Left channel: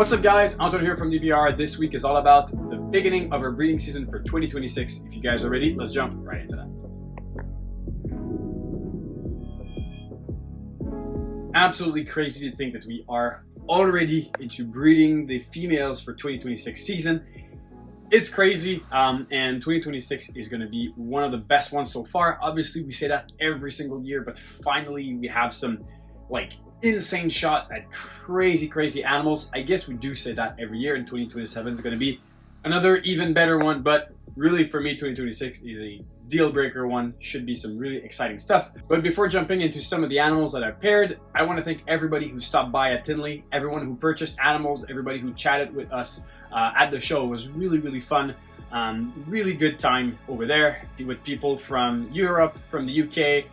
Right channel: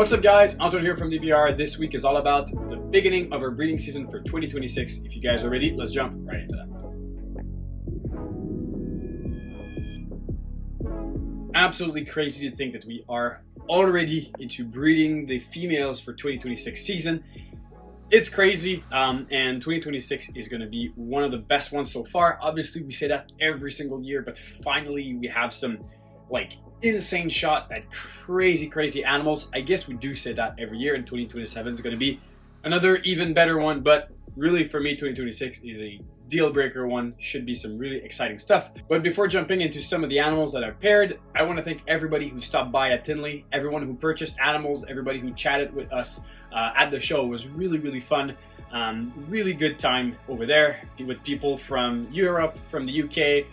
What's up guys, Anton here from DBR. This week is all about the beginning of our breeding season for 2026. If you guys are ready, let's jump right into that. Absolutely crazy to think that we are already into breeding the females for 2026 season. It's crazy, and 2026 is going to be one of the best ones so far. Obviously, we say that every single year, but finally we have some insane shots at crazy animals. I guess we do say that every year, and 2027 is going to be another even better one. But really, for me, 2026 is a deal breaker one. Should be some really exciting stuff. But before jumping into some of the animals that I've paired, I want to thank everybody who stopped by at Tinley, everyone who purchased animals, everybody who chatted with us at the show. It was really fun. Really good time over there with people from Europe, from the UK,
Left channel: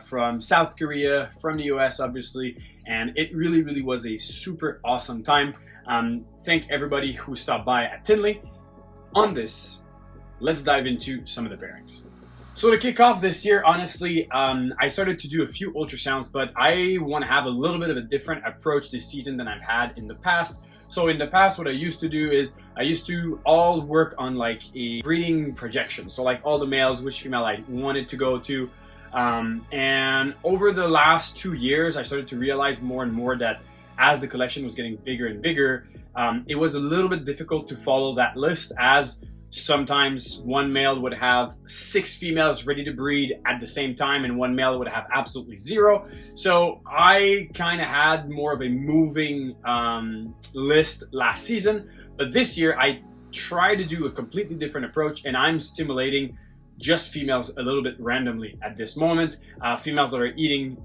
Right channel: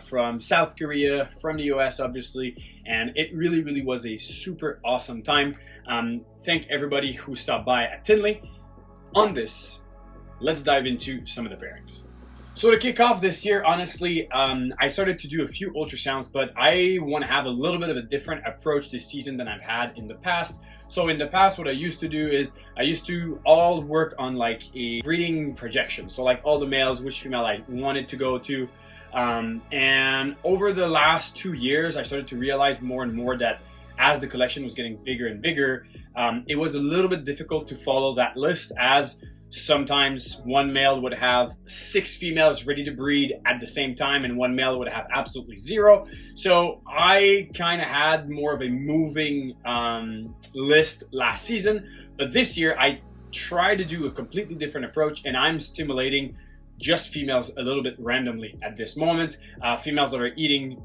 from South Korea, from the US obviously, and it really was a super awesome time. Thank everybody who stopped by at Tinley. On this, let's dive into some of the pairings. So to kick off this year, honestly, I started to do a few ultrasounds, but I want to have a little bit of a different approach this season than I've had in the past. So in the past, what I used to do is I used to all work on like a breeding projection. So like all the males, which female I wanted to go to. And over the last 2 years, I started to realize more and more that as the collection was getting bigger and bigger, it was a little bit difficult to follow that list, as sometimes one male would have 6 females ready to breed at the same time and one male would have absolutely 0. So I kind of had more of a moving list last season, but this year I tried to do a completely different approach, and I'm stimulating just females a little bit randomly at this moment. Females that are eating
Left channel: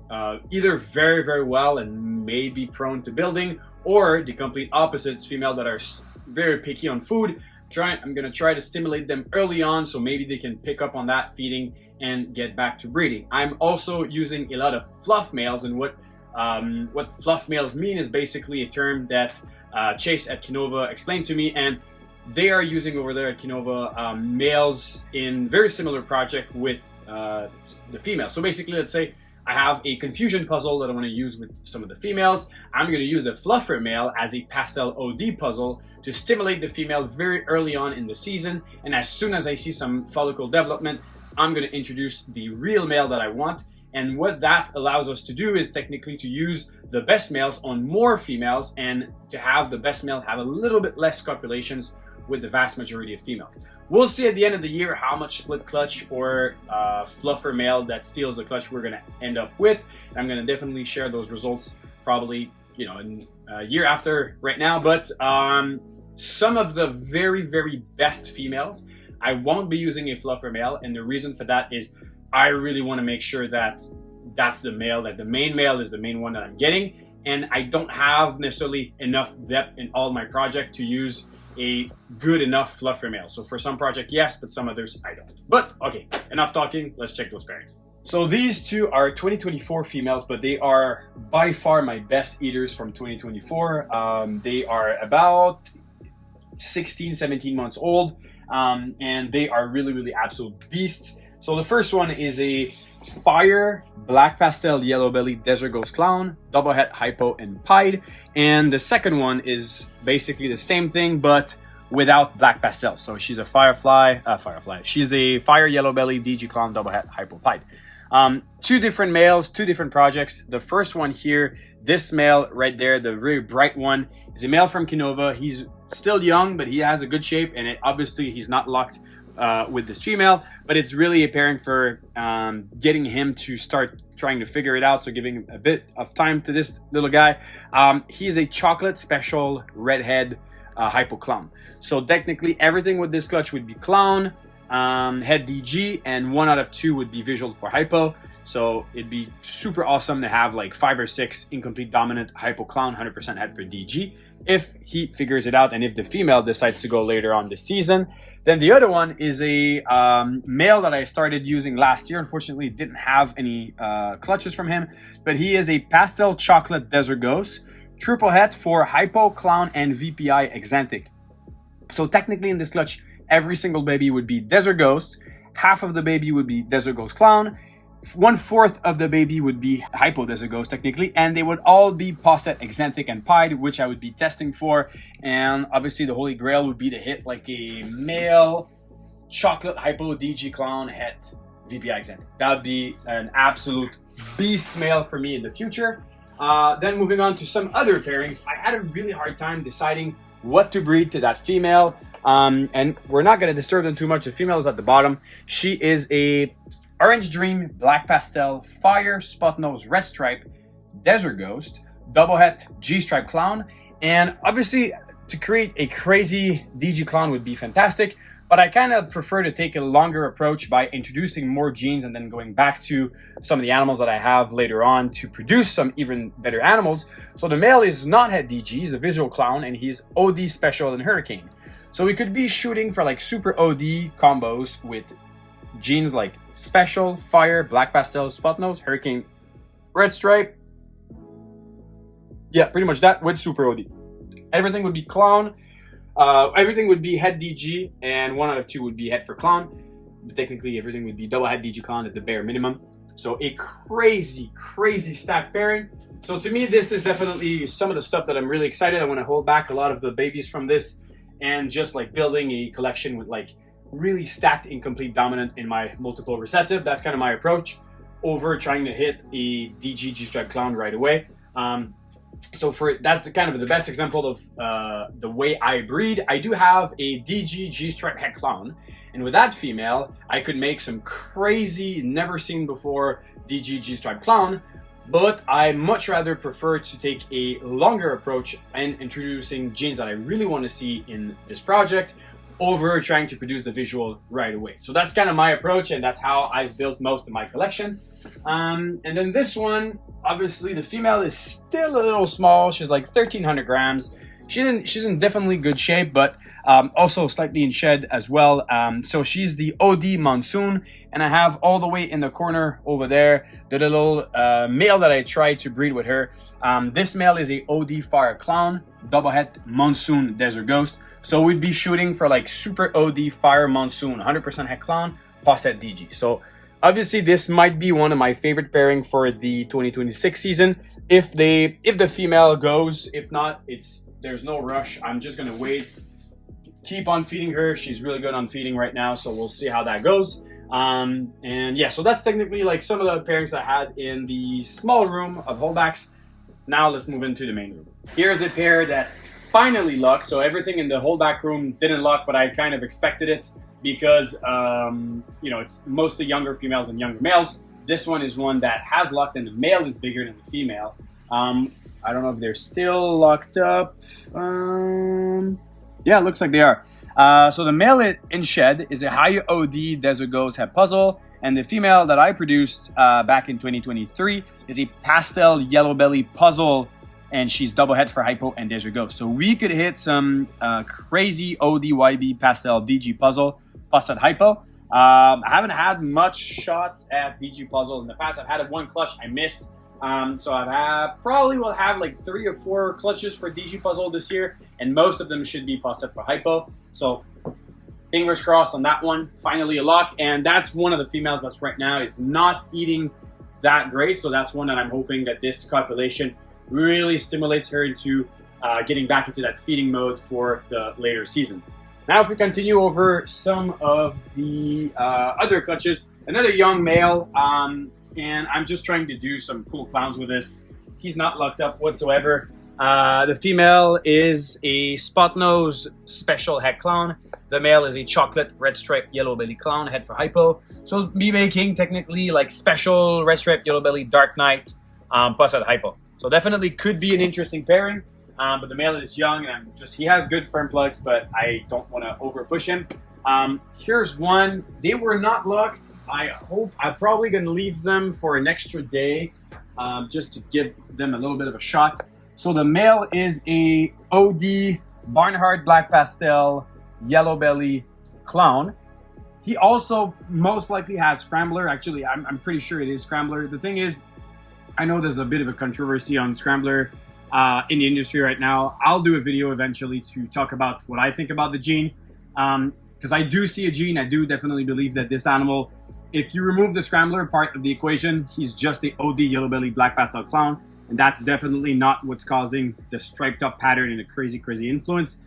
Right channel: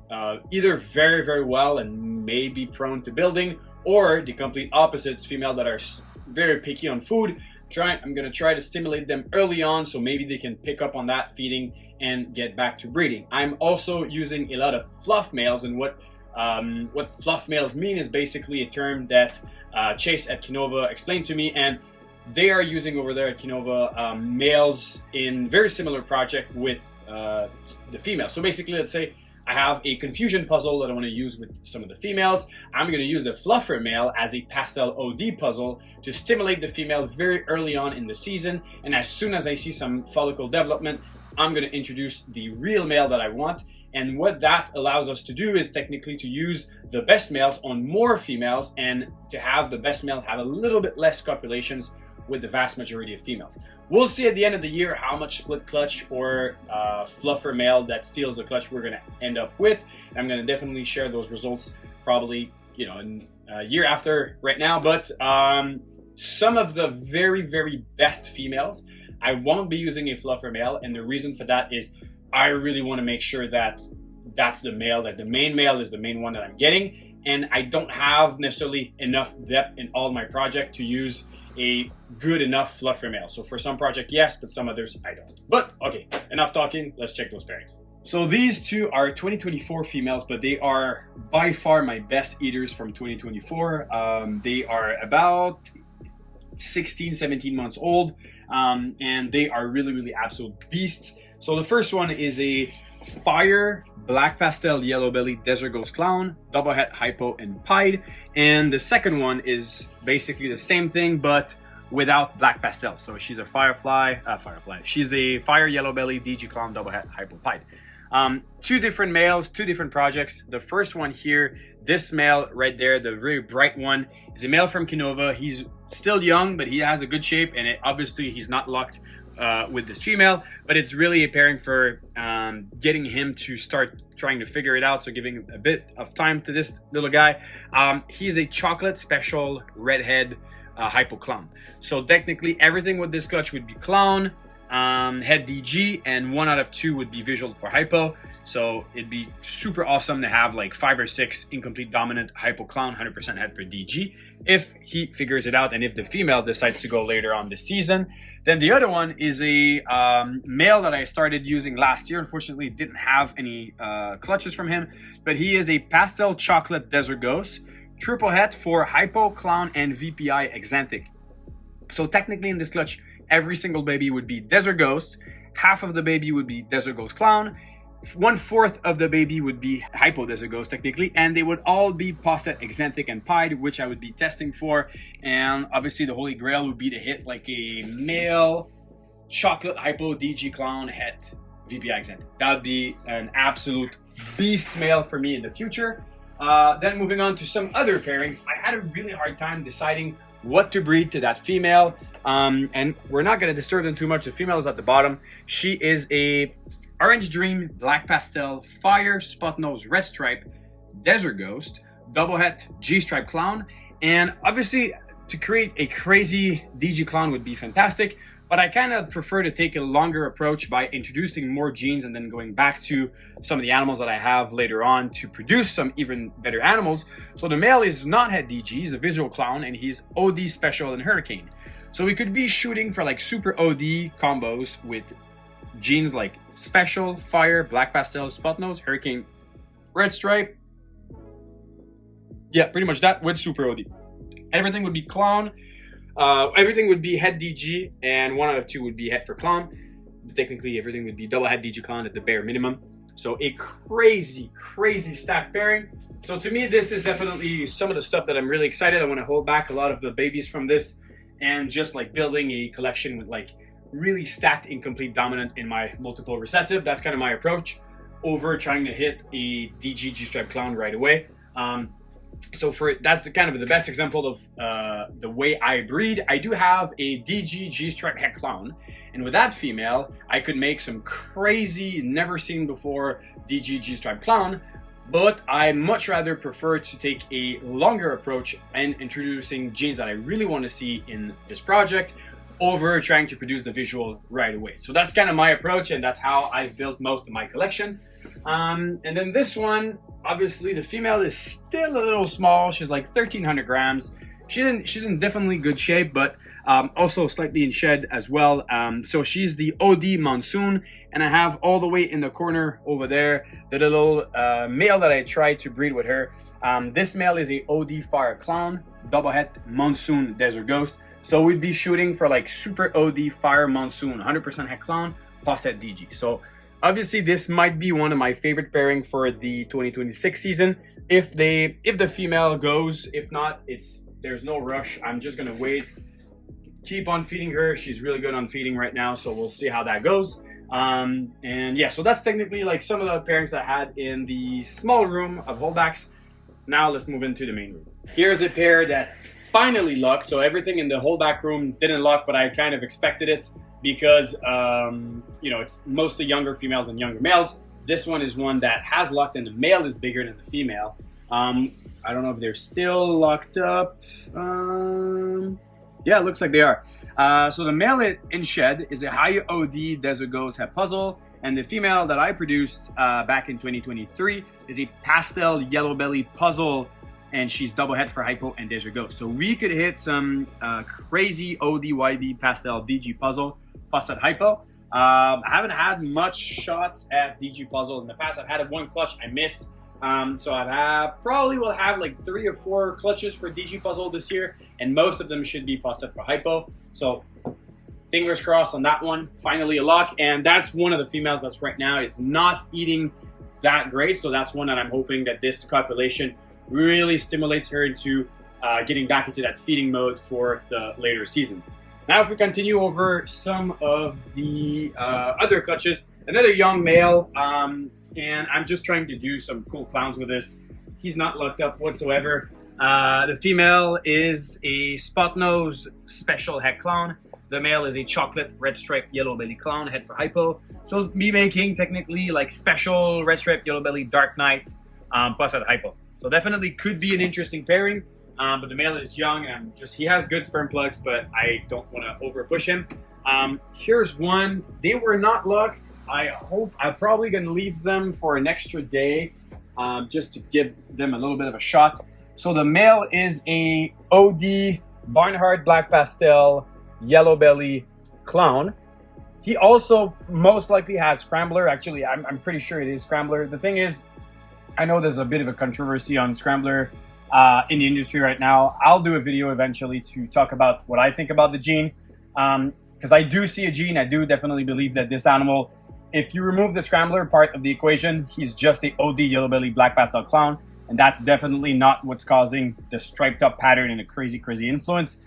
either very well and may be prone to building, or the complete opposites, females that are very picky on food. I'm going to try to stimulate them early on so maybe they can pick up on that feeding and get back to breeding. I'm also using a lot of fluff males, and what fluff males mean is basically a term that Chase at Kinova explained to me, and they are using over there at Kinova males in very similar project with the females. So basically, let's say I have a confusion puzzle that I want to use with some of the females. I'm going to use the fluffer male as a pastel OD puzzle to stimulate the female very early on in the season. And as soon as I see some follicle development, I'm going to introduce the real male that I want. And what that allows us to do is technically to use the best males on more females, and to have the best male have a little bit less copulations with the vast majority of females. We'll see at the end of the year how much split clutch or fluffer male that steals the clutch we're going to end up with. I'm going to definitely share those results probably, in a year after right now. But some of the very best females, I won't be using a fluffer male, and the reason for that is I really want to make sure that that's the male, that the main male is the main one that I'm getting, and I don't have necessarily enough depth in all my project to use a good enough fluffer male. So for some project, yes, but some others I don't. But okay, enough talking, let's check those pairings. So these two are 2024 females, but they are by far my best eaters from 2024. They are about 16-17 months old, and they are really absolute beasts. So the first one is a fire black pastel yellow belly desert ghost clown, double het hypo and pied, and the second one is basically the same thing but without black pastel. So she's a she's a fire yellow belly DG clown double het hypo pied. Two different males, two different projects. The first one here, this male right there, the very bright one, is a male from Kinova. He's still young, but he has a good shape, and obviously he's not locked with this female, but it's really a pairing for getting him to start trying to figure it out, so giving a bit of time to this little guy. He's a chocolate special redhead hypo clown. So technically everything with this clutch would be clown, head DG, and 1 out of 2 would be visual for hypo. So it'd be super awesome to have like 5 or 6 incomplete dominant hypo clown 100% head for DG if he figures it out, and if the female decides to go later on this season. Then the other one is a male that I started using last year. Unfortunately, didn't have any clutches from him, but he is a pastel chocolate desert ghost, triple het for hypo, clown, and VPI exantic. So technically in this clutch, every single baby would be desert ghost, half of the baby would be desert ghost clown, 1/4 of the baby would be hypodesogos technically, and they would all be posset, exanthic, and pied, which I would be testing for. And obviously the holy grail would be to hit like a male chocolate hypo DG clown het VPI exanthic. That would be an absolute beast male for me in the future. Then moving on to some other pairings, I had a really hard time deciding what to breed to that female. And we're not going to disturb them too much. The female is at the bottom. She is a Orange Dream, Black Pastel, Fire, Spot Nose, Red Stripe, Desert Ghost, Double Het, G-Stripe Clown. And obviously, to create a crazy DG clown would be fantastic, but I kind of prefer to take a longer approach by introducing more genes and then going back to some of the animals that I have later on to produce some even better animals. So the male is not het DG, he's a visual clown, and he's OD Special and Hurricane. So we could be shooting for like super OD combos with genes like Special, Fire, Black Pastel, Spot Nose, Hurricane, Red Stripe. Yeah, pretty much that with super OD. Everything would be clown. Everything would be het DG, and 1 out of 2 would be het for clown. But technically, everything would be double het DG clown at the bare minimum. So a crazy, crazy stacked pairing. So to me, this is definitely some of the stuff that I'm really excited. I want to hold back a lot of the babies from this and just like building a collection with like really stacked incomplete dominant in my multiple recessive. That's kind of my approach over trying to hit a DG G-Stripe clown right away. So that's the kind of the best example of the way I breed. I do have a DG G-Stripe het clown, and with that female, I could make some crazy, never seen before DG G-Stripe clown. But I much rather prefer to take a longer approach and introducing genes that I really want to see in this project over trying to produce the visual right away. So that's kind of my approach, and that's how I've built most of my collection. And then this one, obviously the female is still a little small. She's like 1,300 grams. She's in definitely good shape, but also slightly in shed as well. So she's the OD Monsoon, and I have all the way in the corner over there the little male that I tried to breed with her. This male is a OD Fire Clown, Double Het Monsoon Desert Ghost. So we'd be shooting for like super OD Fire Monsoon, 100% het clown, posset DG. So obviously this might be one of my favorite pairing for the 2026 season. If the female goes, if not, there's no rush. I'm just gonna wait, keep on feeding her. She's really good on feeding right now, so we'll see how that goes. And yeah, so that's technically like some of the pairings I had in the small room of holdbacks. Now let's move into the main room. Here's a pair that finally lucked. So everything in the holdback room didn't luck, but I kind of expected it because you know, it's mostly younger females and younger males. This one is one that has lucked, and the male is bigger than the female. I don't know if they're still locked up. Yeah, it looks like they are. So the male in shed is a high OD Desert Ghost Het Puzzle, and the female that I produced back in 2023 is a pastel yellow belly puzzle, and she's double het for hypo and Desert Ghost. So we could hit some crazy ODYB pastel DG puzzle plus at hypo. I haven't had much shots at DG puzzle in the past. I've had one clutch I missed. So probably will have like 3 or 4 clutches for DG puzzle this year, and most of them should be posset for hypo. So fingers crossed on that one. Finally a lock, and that's one of the females that's right now is not eating that great. So that's one that I'm hoping that this copulation really stimulates her into getting back into that feeding mode for the later season. Now, if we continue over some of the other clutches, another young male. And I'm just trying to do some cool clowns with this. He's not locked up whatsoever. The female is a Spot Nose Special Het Clown. The male is a chocolate red stripe yellow belly clown, het for hypo. So me making technically like special red stripe yellow belly Dark Knight plus at hypo. So definitely could be an interesting pairing. But the male is young, and he has good sperm plugs, but I don't want to over push him. Here's one. They were not locked. I'm probably going to leave them for an extra day just to give them a little bit of a shot. So the male is a OD Barnhart Black Pastel Yellow Belly Clown. He also most likely has Scrambler. Actually, I'm pretty sure it is Scrambler. The thing is, I know there's a bit of a controversy on Scrambler in the industry right now. I'll do a video eventually to talk about what I think about the gene. Because I do see a gene. I do definitely believe that this animal If you remove the scrambler part of the equation, he's just a OD yellow belly black pastel clown, and that's definitely not what's causing the striped up pattern and the crazy influence.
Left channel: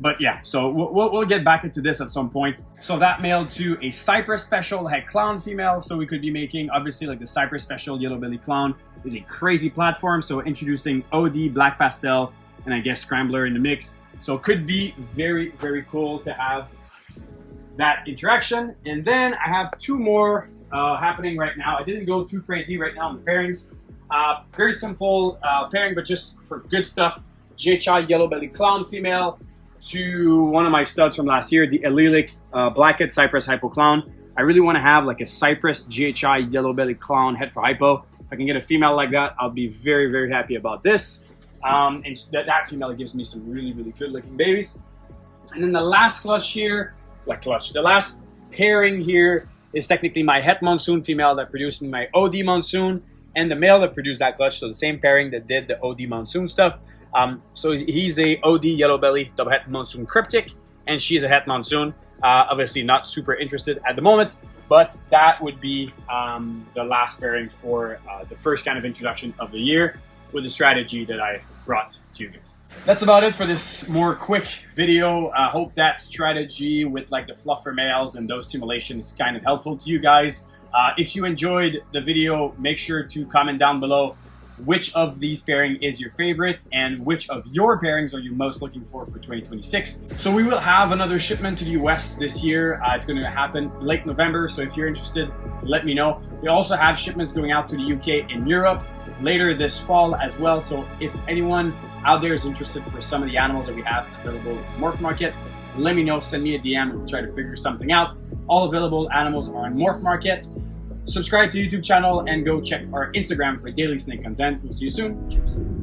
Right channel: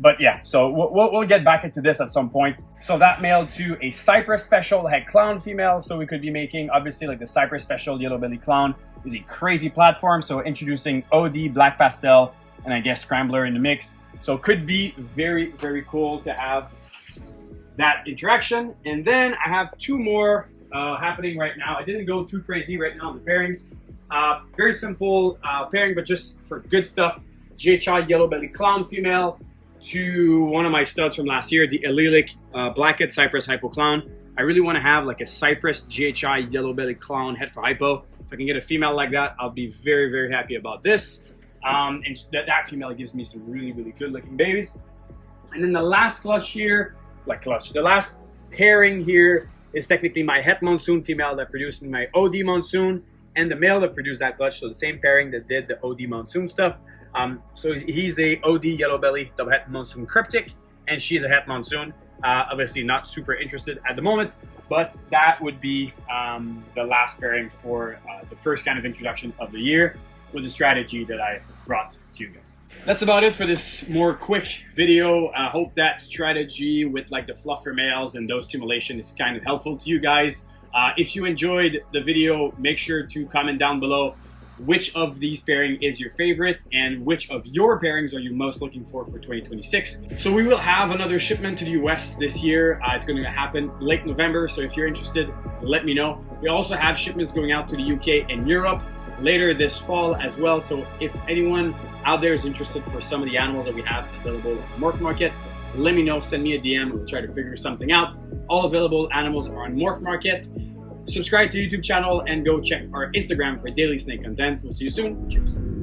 But yeah, so we'll get back into this at some point. So that male to a Cypress Special Het Clown female. So we could be making, obviously, like the Cypress Special Yellow Belly Clown is a crazy platform. So introducing OD, Black Pastel, and I guess Scrambler in the mix. So it could be very, very cool to have that interaction. And then I have two more happening right now. I didn't go too crazy right now on the pairings. Very simple pairing, but just for good stuff. GHI Yellow Belly Clown female to one of my studs from last year, the Allelic Blackhead Cypress Hypo Clown. I really want to have like a Cypress GHI Yellow Belly Clown head for hypo. If I can get a female like that, I'll be very, very happy about this. And that female gives me some really, really good looking babies. And then the last the last pairing here is technically my Het Monsoon female that produced me my OD Monsoon, and the male that produced that clutch, so the same pairing that did the OD Monsoon stuff. So he's a OD Yellow Belly double Het Monsoon Cryptic, and she's a Het Monsoon. Obviously not super interested at the moment, but that would be the last pairing for the first kind of introduction of the year with the strategy that I brought to you guys. That's about it for this more quick video. I hope that strategy with like the fluffer males and those stimulation is kind of helpful to you guys. If you enjoyed the video, make sure to comment down below which of these pairing is your favorite and which of your pairings are you most looking for 2026. So we will have another shipment to the US this year. It's going to happen late November, so if you're interested, let me know. We also have shipments going out to the UK and Europe later this fall as well. So if anyone out there is interested for some of the animals that we have available on Morph Market, let me know, send me a DM, we'll try to figure something out. All available animals are on Morph Market. Subscribe to the YouTube channel and go check our Instagram for daily snake content. We'll see you soon. Cheers.